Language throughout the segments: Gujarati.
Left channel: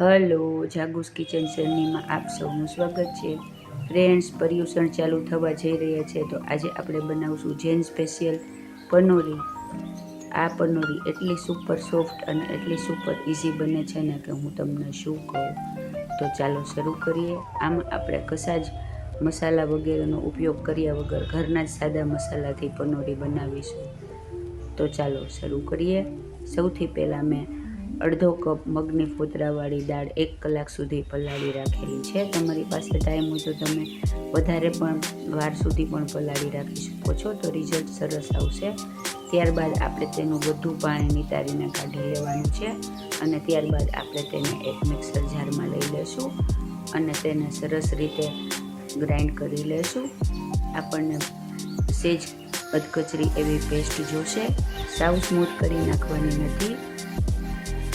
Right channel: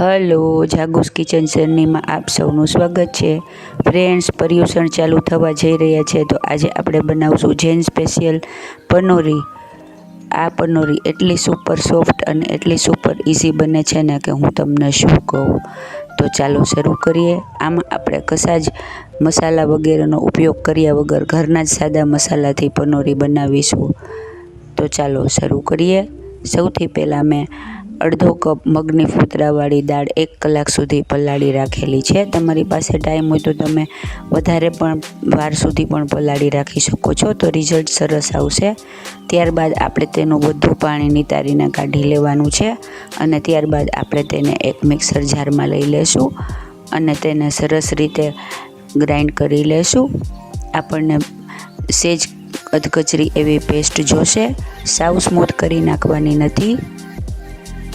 હલો, જાગુસ કિચન જર્નીમાં આપ સૌનું સ્વાગત છે. ફ્રેન્ડ્સ, પર્યુષણ ચાલુ થવા જઈ રહ્યા છે, તો આજે આપણે બનાવશું જૈન સ્પેશિયલ પનોરી. આ પનોરી એટલી સુપર સોફ્ટ અને એટલી સુપર ઇઝી બને છે ને કે હું તમને શું કહું. તો ચાલો શરૂ કરીએ. આમાં આપણે કશા જ મસાલા વગેરેનો ઉપયોગ કર્યા વગર ઘરના જ સાદા મસાલાથી પનોરી બનાવીશું. તો ચાલો શરૂ કરીએ. સૌથી પહેલાં મેં અડધો કપ મગની ફોતરાવાળી દાળ 1 કલાક સુધી પલાળી રાખેલી છે. તમારી પાસે ટાઈમ હોય તો તમે વધારે પણ વાર સુધી પણ પલાળી રાખી શકો છો, તો રિઝલ્ટ સરસ આવશે. ત્યારબાદ આપણે તેનું બધું પાણી નિતારીને કાઢી લેવાનું છે અને ત્યારબાદ આપણે તેને એક મિક્સર જારમાં લઈ લેશું અને તેને સરસ રીતે ગ્રાઇન્ડ કરી લેશું. આપણને સેજ અધકચરી એવી પેસ્ટ જોશે, સાવ સ્મૂથ કરી નાખવાની નથી.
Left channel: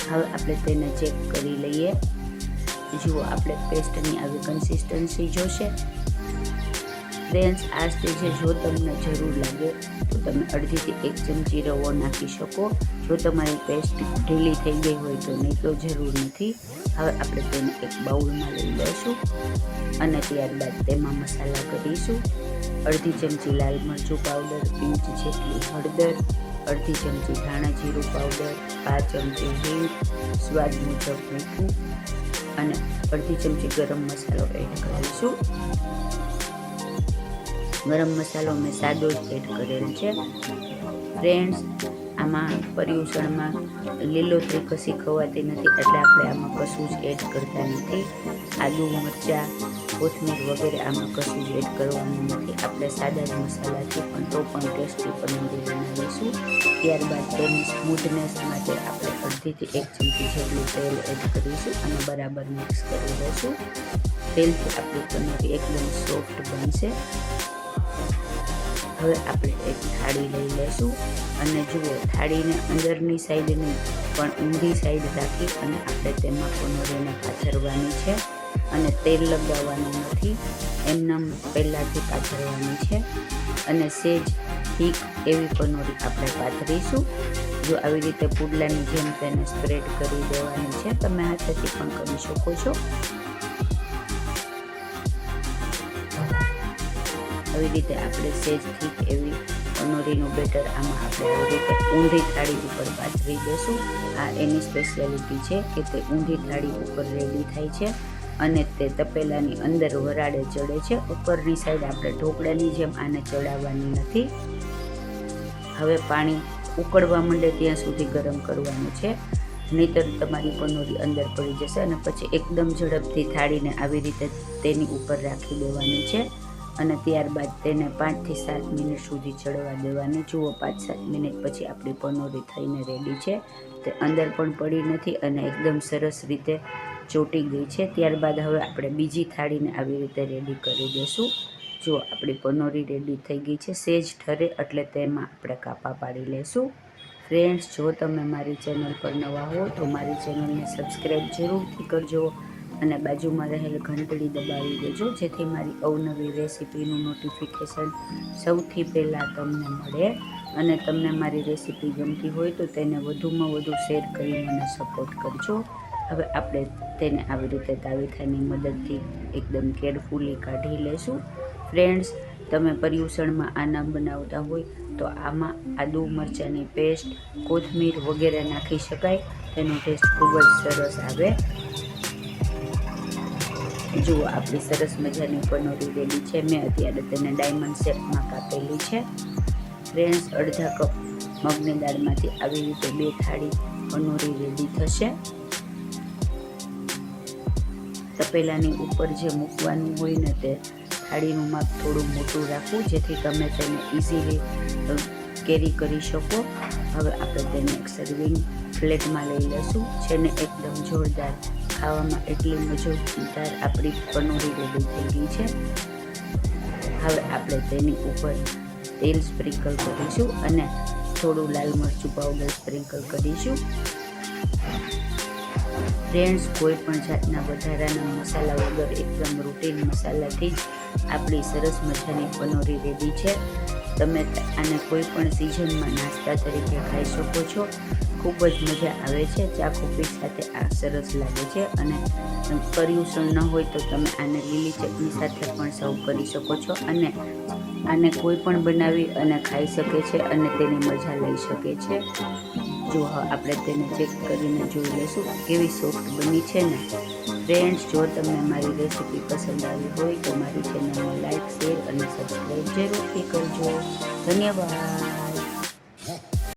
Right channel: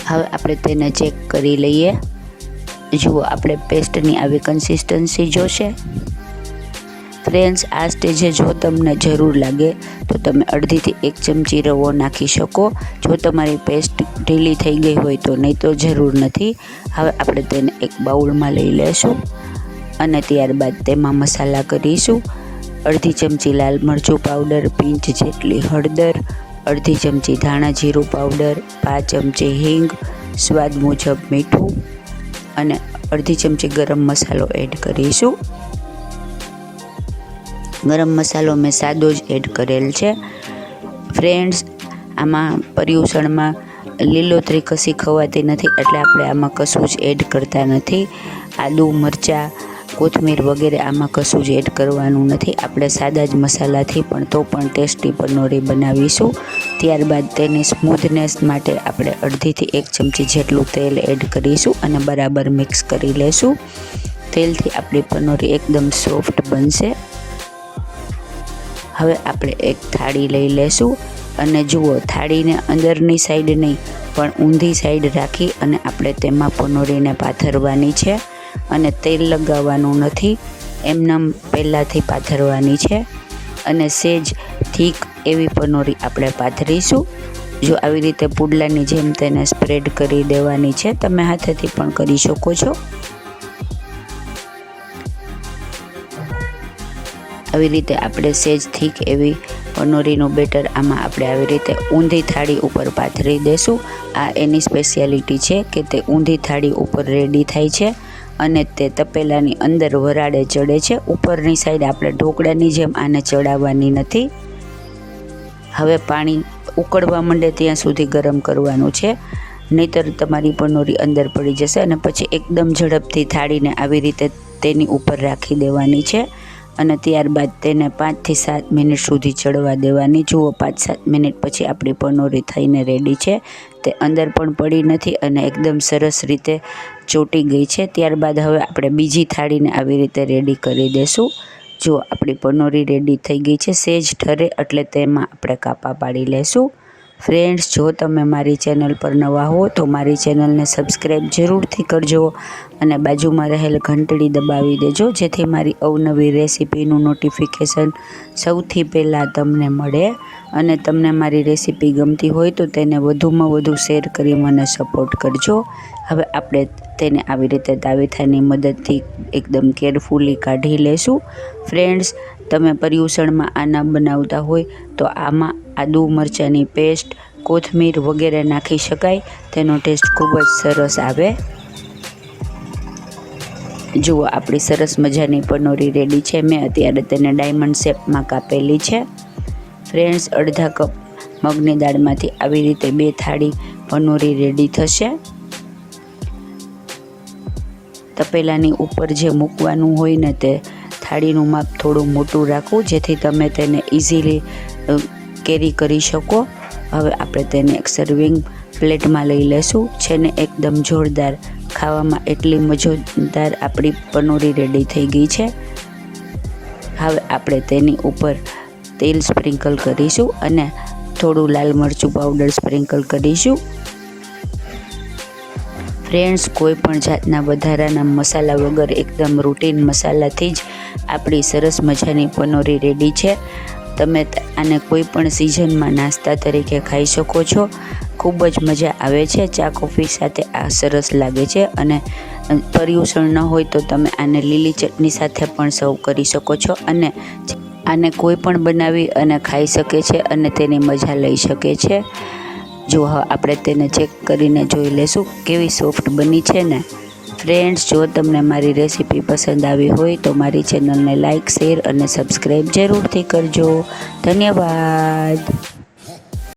હવે આપણે તેને ચેક કરી લઈએ. જુઓ, આપણે પેસ્ટની આવી કન્સિસ્ટન્સી જોશે. ફ્રેન્ડ્સ, આ સ્ટેજે જો તમને જરૂર લાગે તો તમે અડધીથી 1 ચમચી રવો નાખી શકો. જો તમારી પેસ્ટ ઢીલી થઈ ગઈ હોય તો, નહીં તો જરૂર નથી. હવે આપણે તેને એક બાઉલમાં લઈ લેશું અને ત્યારબાદ તેમાં મસાલા કરીશું. અડધી ચમચી લાલ મરચું પાવડર, પિંચ જેટલી હળદર, અડધી ચમચી ધાણા જીરું પાવડર, 5 ચમચી હિંગ, સ્વાદ મુજબ મીઠું અને અડધી ચમચી ગરમ મસાલો એડ કરીશું. ગરમ મસાલો મેં સાદો જ એડ કરેલ છે. ફ્રેન્ડ્સ, આમાં પર્યુષણમાં લીલોતરી કશી ખવાતી નથી, એટલે આપણે આમાં કશું જ એડ કરતા નથી. આદુ, મરચાં, કોથમીર વગેરે આમાં કશું જ એડ કરવાનું નથી. આપણે સાદા જ મસાલાથી પણ તો પણ ટેસ્ટી પનોરી બનાવીશું. ત્યારબાદ તેની સ્મૂથનેસ માટે આપણે અડધીથી 1 ચમચી જેટલું તેલ એડ કરીશું અને બરાબર મિક્સ કરી લેશું. તેલથી આપણી પનોરી એકદમ સોફ્ટ બનશે. હવે આપણે એક થાળી લઈ લેશું અને જુઓ, થાળીને અંદરની સાઈડ નહીં પણ ઊંધી સાઈડ રાખી અને આપણે તેમાં પનોરીને પાથરવાની છે અને તેલ લગાવવાનું નથી, એમનેમ પહેલાંથી પાથરવાની છે અને સેજ થીક એવી પનોરી આપણે પાથરીશું. જો આવી રીતે પુડલાની જેમ તેને સ્પ્રેડ કરી દેવાની છે. તમે હાથેથી પણ કરી શકો છો. આવી રીતે આપણે સેજ થીક એવી પનોરીનું બેટર આમાં આપણે આવી રીતે ઊંધી થાળી ઉપર પાથરી દેશું. આ એની સ્પેશિયાલિટી છે કે તે ઊંધી થાળી ઉપર રેડી થાય છે અને તે તપેલાની અંદર વરાળે ચડે છે. ઉપરની સાઈડ આપણે ઢોકળાની જેમ આને ચડાવવાની નથી. હવે પાણી ઉકળવા માંડે ત્યાં સુધી ગરમ કરવાનું છે, નહીંતર તમારી પનોરી અંદર પડી જશે અને પછી એકદમ ઝડપથી થાળીને આવી રીતે તેની ઉપર રાખી દેવાની છે અને ત્યારબાદ તેને 5 થી 7 મિનિટ સુધી ચડવા દેવાની. જુઓ, 5-7 મિનિટ પછી આપણી પનોરી થઈને રેડી છે. તે અંદર પણ પડી નથી અને એકદમ સરસ રીતે ચોંટી ગઈ છે. ત્યારબાદ હવે આપણે બીજી થાળીને આવી રીતે રેડી કરી દેશું. જો આપણી પનોરી રેડી થઈ ગઈ છે. સેજ ઠરે એટલે તેમાં આપણે કાપા પાડી લેશું. ફ્રેન્ડ્સ, જો તમે મારી ચેનલ પર નવા હો તો મારી ચેનલને સબસ્ક્રાઈબ જરૂરથી કરજો અને બાજુમાં રહેલ ઘંટડી દબાવી દેજો, જેથી મારી અવનવી રેસીપીનું નોટિફિકેશન સૌથી પહેલાં તમને મળે. અને તમને મારી રેસીપી ગમતી હોય તો તેને વધુમાં વધુ શેર કરી મને સપોર્ટ કરજો. હવે આપણે તેને આવી રીતે તાવેથાની મદદથી એકદમ કેરફુલી કાઢી લેશું. ફ્રેન્ડ્સ, તમે પર્યુષણમાં આ ન બનાવતા હોય તો આમાં આદુ મરચાંની પેસ્ટ, કોથમીર વગેરે નાખી શકાય. તેનો ટેસ્ટ ખૂબ જ સરસ આવે. જુઓ, આપણી સરસ મજાની પનોરી રેડી છે. મેં અત્યારે તેને ડાયમંડ શેપમાં કાપેલી છે. ફ્રેન્ડ્સ, અડધા કપ મગની દાળમાંથી આવી રીતે 2 થાળી પનોરી રેડી થશે. તપેલાની ઉપર જે મૂકવાનું હોય ને તે થાળીનું માપ થોડું મોટું રાખવું, જેથી તમે તેને ઇઝીલી કેરી કરી શકો. હવે આપણે તેને એક સર્વિંગ પ્લેટમાં લઈ લેશું. છે ને એકદમ જોરદાર, ખાવામાં એટલી મજેદાર આપણી પનોરી રેડી થઈ ગઈ છે. હવે આપણે તેની ઉપર તેલ સ્પ્રિંકલ કરીશું અને થોડું લાલ મરચું પાવડર સ્પ્રિંકલ કરીશું. ફ્રેન્ડ્સ, કોઈ પણ જાતના વધારાના મસાલા વગર એકદમ રૂટીન મસાલાથી જ આપણી સરસ મજાની પનોરી રેડી છે. તમે આને કોઈ પણ સિઝનમાં નાસ્તા તરીકે ખાઈ શકો છો. ખૂબ જ મજા આવે છે. ચા કોફી સાથે આ સરસ લાગે છે. અને પર્યુષણ ન હોય તો તમે આને લીલી ચટણી સાથે પણ સર્વ કરી શકો છો. અને આને કોઈ પણ બનાવી અને ખાઈ શકે છે અને તેની મજા લઈ શકે છે. જો આપણે તેને ચેક કરીને જોઈ લેશું કેવી સોફ્ટ બની છે ને. ફ્રેન્ડ્સ, જો તમને મારી રેસીપી પસંદ આવી હોય તો મારી ચેનલને લાઇક, શેર અને સબસ્ક્રાઈબ જરૂરથી કરજો. ધન્યવાદ.